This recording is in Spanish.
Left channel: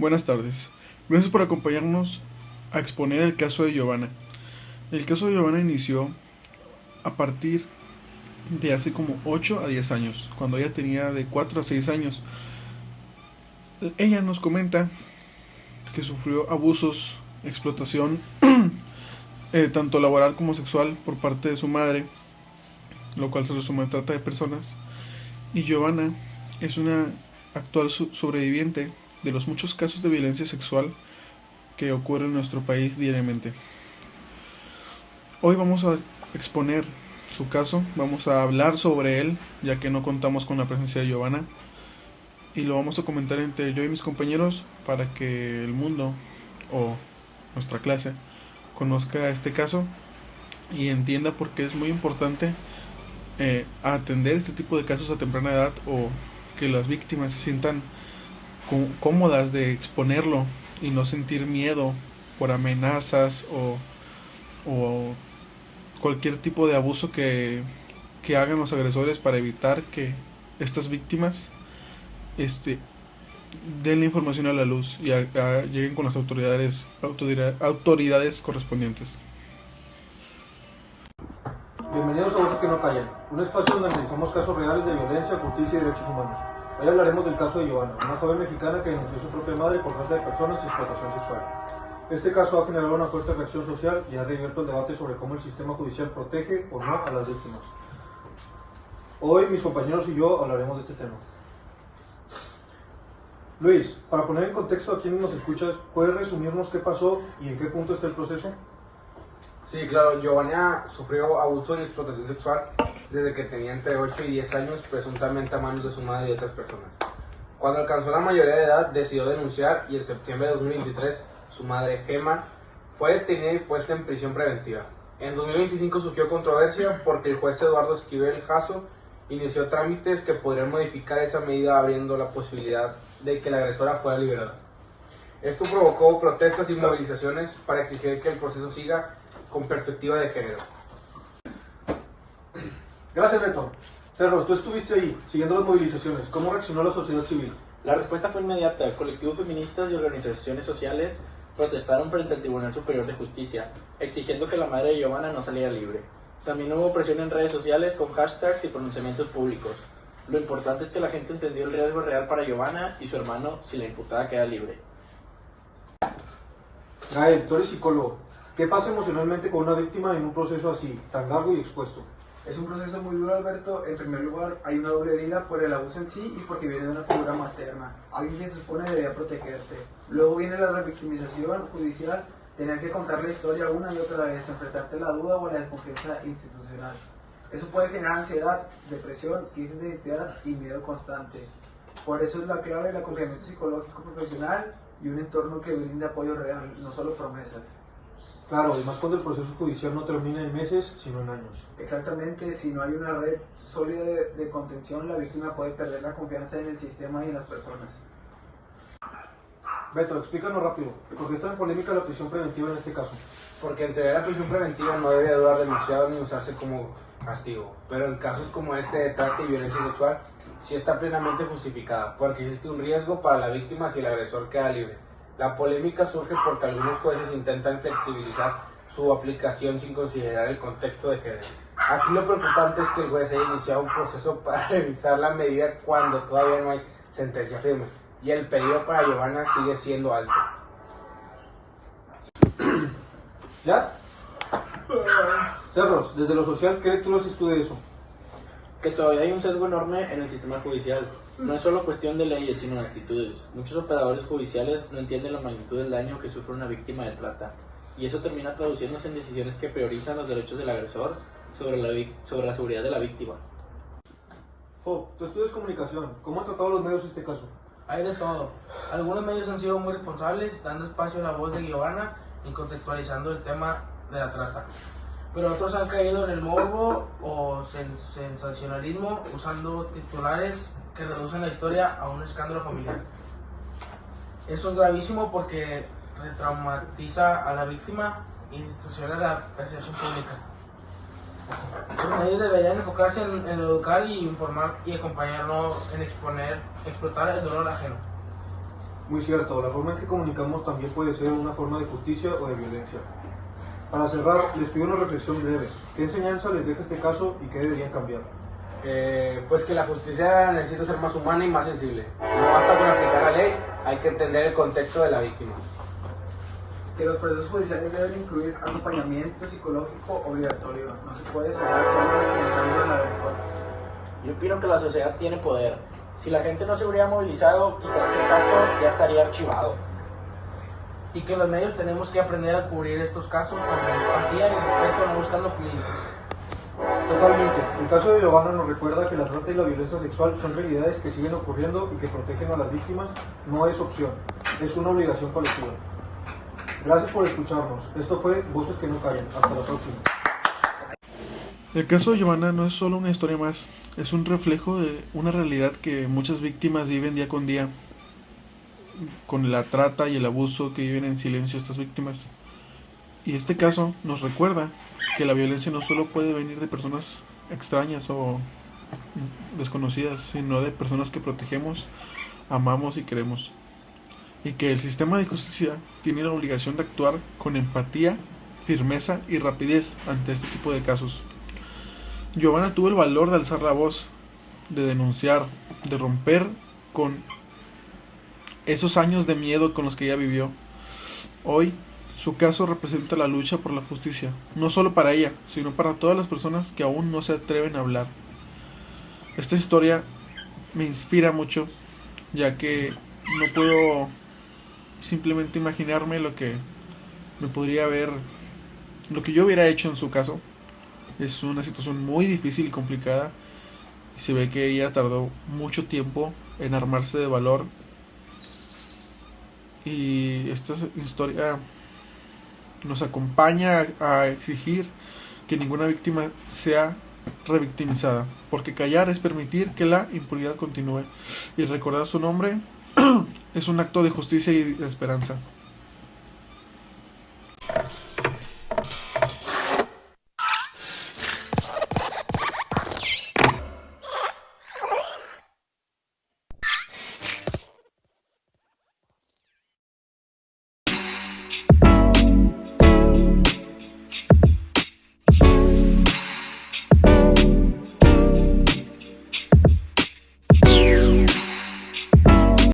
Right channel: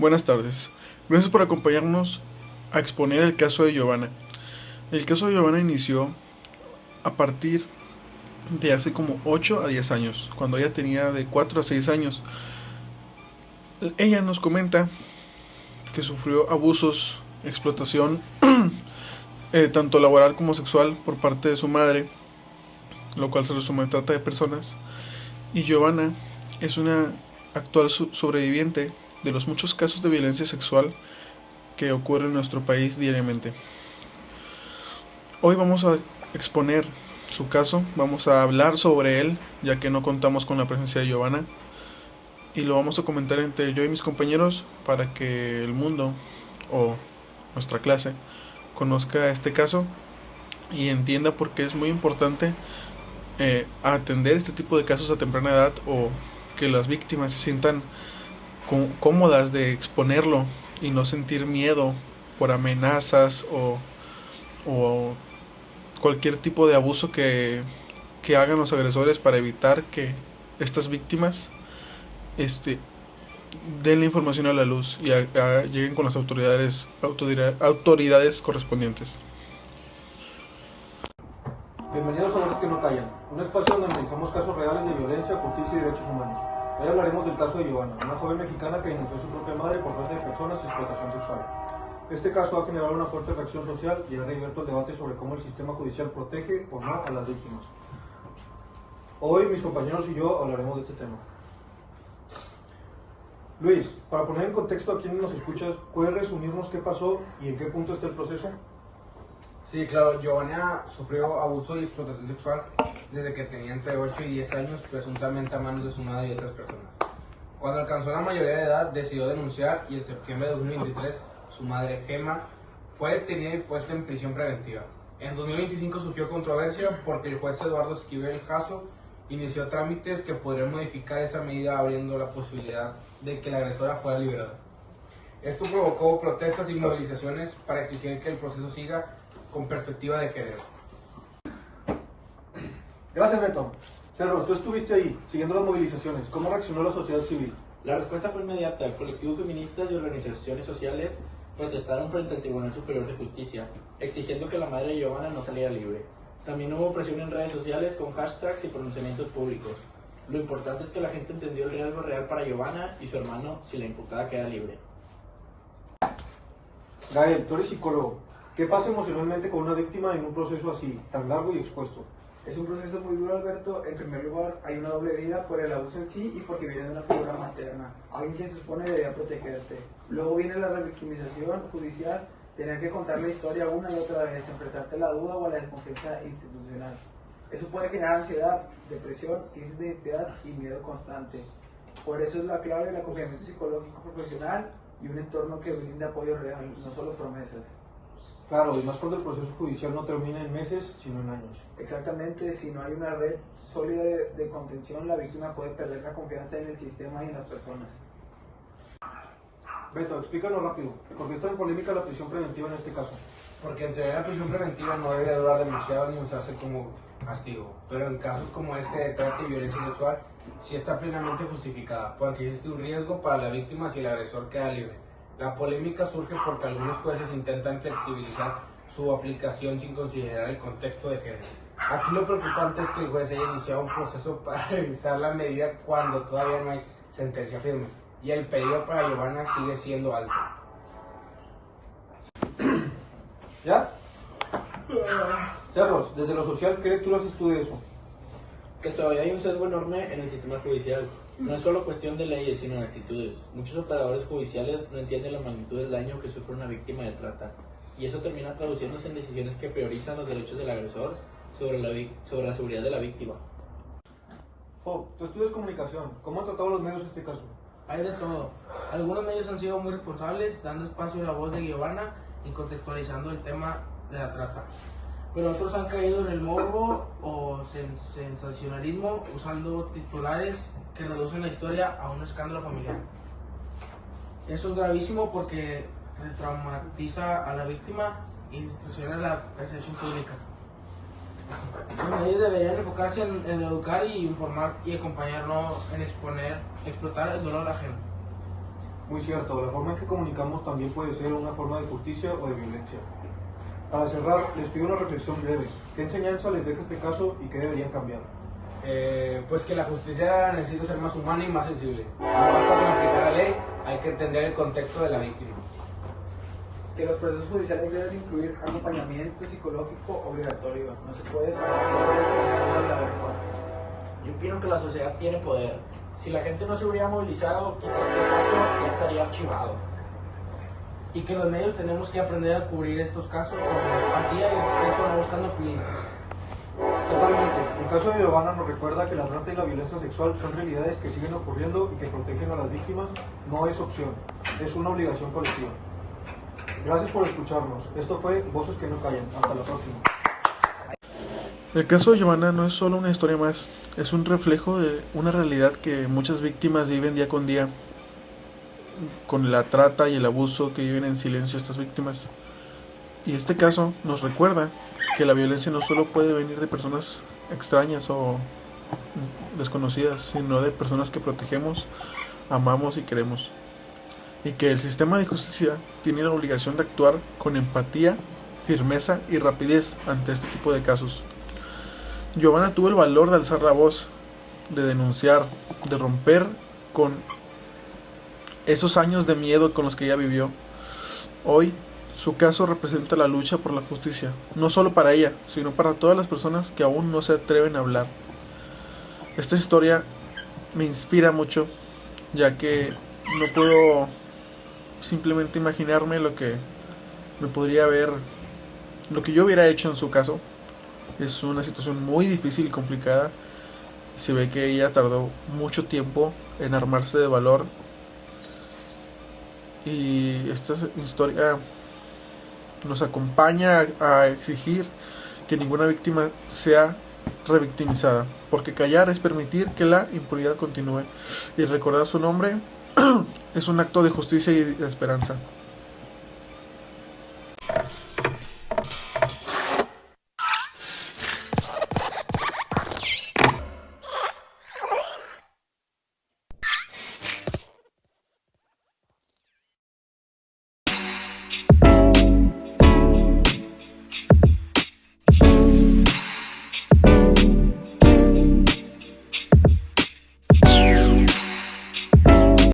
Buenas tardes. Gracias por acompañarnos a exponer el caso de Giovanna. El caso de Giovanna inició a partir de hace como 8 a 10 años, cuando ella tenía de 4 a 6 años. Ella nos comenta que sufrió abusos, explotación, tanto laboral como sexual por parte de su madre, lo cual se resume en trata de personas. Y Giovanna es una actual sobreviviente de los muchos casos de violencia sexual que ocurren en nuestro país diariamente. Hoy vamos a exponer su caso, vamos a hablar sobre él, ya que no contamos con la presencia de Giovanna, y lo vamos a comentar entre yo y mis compañeros para que el mundo o nuestra clase conozca este caso y entienda por qué es muy importante atender este tipo de casos a temprana edad, o que las víctimas se sientan cómodas de exponerlo y no sentir miedo por amenazas o cualquier tipo de abuso que hagan los agresores, para evitar que estas víctimas den la información a la luz y lleguen con las autoridades correspondientes. Bienvenidos a Voces que no callan, un espacio donde analizamos casos reales de violencia, justicia y derechos humanos. Hoy hablaremos del caso de Giovanna, una joven mexicana que denunció a su propia madre por trata de personas y explotación sexual. Este caso ha generado una fuerte reacción social y ha reabierto el debate sobre cómo el sistema judicial protege o no a las víctimas. Hoy mis compañeros y yo hablaremos de este tema. Luis, para poner en contexto a quienes nos escuchas, ¿puedes resumirnos qué pasó y en qué punto está el proceso? Sí, claro, Giovanna sufrió abuso y explotación sexual desde que tenía entre 8 y 10 años, presuntamente a manos de su madre y otras personas. Cuando alcanzó la mayoría de edad, decidió denunciar, y en septiembre de 2023, su madre, Gemma, fue detenida y puesta en prisión preventiva. En 2025 surgió controversia porque el juez Eduardo Esquivel Jasso inició trámites que podrían modificar esa medida, abriendo la posibilidad de que la agresora fuera liberada. Esto provocó protestas y movilizaciones para exigir que el proceso siga con perspectiva de género. Gracias, Beto. Cerros, tú estuviste ahí, siguiendo las movilizaciones. ¿Cómo reaccionó la sociedad civil? La respuesta fue inmediata. Colectivos feministas y organizaciones sociales protestaron frente al Tribunal Superior de Justicia, exigiendo que la madre de Giovanna no saliera libre. También hubo presión en redes sociales con hashtags y pronunciamientos públicos. Lo importante es que la gente entendió el riesgo real para Giovanna y su hermano si la imputada queda libre. Gael, tú eres psicólogo. ¿Qué pasa emocionalmente con una víctima en un proceso así, tan largo y expuesto? Es un proceso muy duro, Alberto. En primer lugar, hay una doble herida por el abuso en sí y porque viene de una figura materna, alguien que se supone debía protegerte. Luego viene la revictimización judicial, tener que contar la historia una y otra vez, enfrentarte a la duda o a la desconfianza institucional. Eso puede generar ansiedad, depresión, crisis de identidad y miedo constante. Por eso es la clave el acompañamiento psicológico profesional y un entorno que brinde apoyo real, no solo promesas. Claro, y más cuando el proceso judicial no termina en meses, sino en años. Exactamente, si no hay una red sólida de contención, la víctima puede perder la confianza en el sistema y en las personas. Beto, explícanos rápido, ¿por qué es tan polémica la prisión preventiva en este caso? Porque entregar la prisión preventiva no debe durar demasiado ni usarse como castigo, pero en casos como este de trata y violencia sexual sí está plenamente justificada, porque existe un riesgo para la víctima si el agresor queda libre. La polémica surge porque algunos jueces intentan flexibilizar su aplicación sin considerar el contexto de género. Aquí lo preocupante es que el juez haya iniciado un proceso para revisar la medida cuando todavía no hay sentencia firme, y el peligro para Giovanna sigue siendo alto. ¿Ya? Cerros, desde lo social, ¿qué lecturas estudia eso? Que todavía hay un sesgo enorme en el sistema judicial. No es solo cuestión de leyes, sino de actitudes. Muchos operadores judiciales no entienden la magnitud del daño que sufre una víctima de trata, y eso termina traduciéndose en decisiones que priorizan los derechos del agresor sobre la seguridad de la víctima. Jo, tú estudias comunicación, ¿cómo han tratado los medios este caso? Hay de todo. Algunos medios han sido muy responsables, dando espacio a la voz de Giovanna y contextualizando el tema de la trata. Pero otros han caído en el morbo o sensacionalismo, usando titulares que reducen la historia a un escándalo familiar. Eso es gravísimo porque retraumatiza a la víctima y distorsiona la percepción pública. Los medios deberían enfocarse en educar y informar y acompañarlo en explotar el dolor ajeno. Muy cierto, la forma en que comunicamos también puede ser una forma de justicia o de violencia. Para cerrar, les pido una reflexión breve. ¿Qué enseñanza les deja este caso y qué deberían cambiar? Pues que la justicia necesita ser más humana y más sensible. No basta con aplicar la ley, hay que entender el contexto de la víctima. Que los procesos judiciales deben incluir acompañamiento psicológico obligatorio. No se puede estar solo determinando la versión. Yo opino que la sociedad tiene poder. Si la gente no se hubiera movilizado, quizás este caso ya estaría archivado. Y que los medios tenemos que aprender a cubrir estos casos con empatía y respeto, no buscando clientes. Totalmente. El caso de Giovanna nos recuerda que la trata y la violencia sexual son realidades que siguen ocurriendo y que protegen a las víctimas no es opción, es una obligación colectiva. Gracias por escucharnos. Esto fue Voces que no callan. Hasta la próxima. El caso de Giovanna no es solo una historia más, es un reflejo de una realidad que muchas víctimas viven día con día, con la trata y el abuso que viven en silencio estas víctimas. Y este caso nos recuerda que la violencia no solo puede venir de personas extrañas o desconocidas, sino de personas que protegemos, amamos y queremos. Y que el sistema de justicia tiene la obligación de actuar con empatía, firmeza y rapidez ante este tipo de casos. Giovanna tuvo el valor de alzar la voz, de denunciar, de romper con esos años de miedo con los que ella vivió. Hoy, su caso representa la lucha por la justicia, no solo para ella, sino para todas las personas que aún no se atreven a hablar. Esta historia me inspira mucho, ya que no puedo simplemente imaginarme lo que me podría haber, lo que yo hubiera hecho en su caso. Es una situación muy difícil y complicada. Se ve que ella tardó mucho tiempo en armarse de valor. Y esta historia nos acompaña a exigir que ninguna víctima sea revictimizada, porque callar es permitir que la impunidad continúe, y recordar su nombre es un acto de justicia y de esperanza.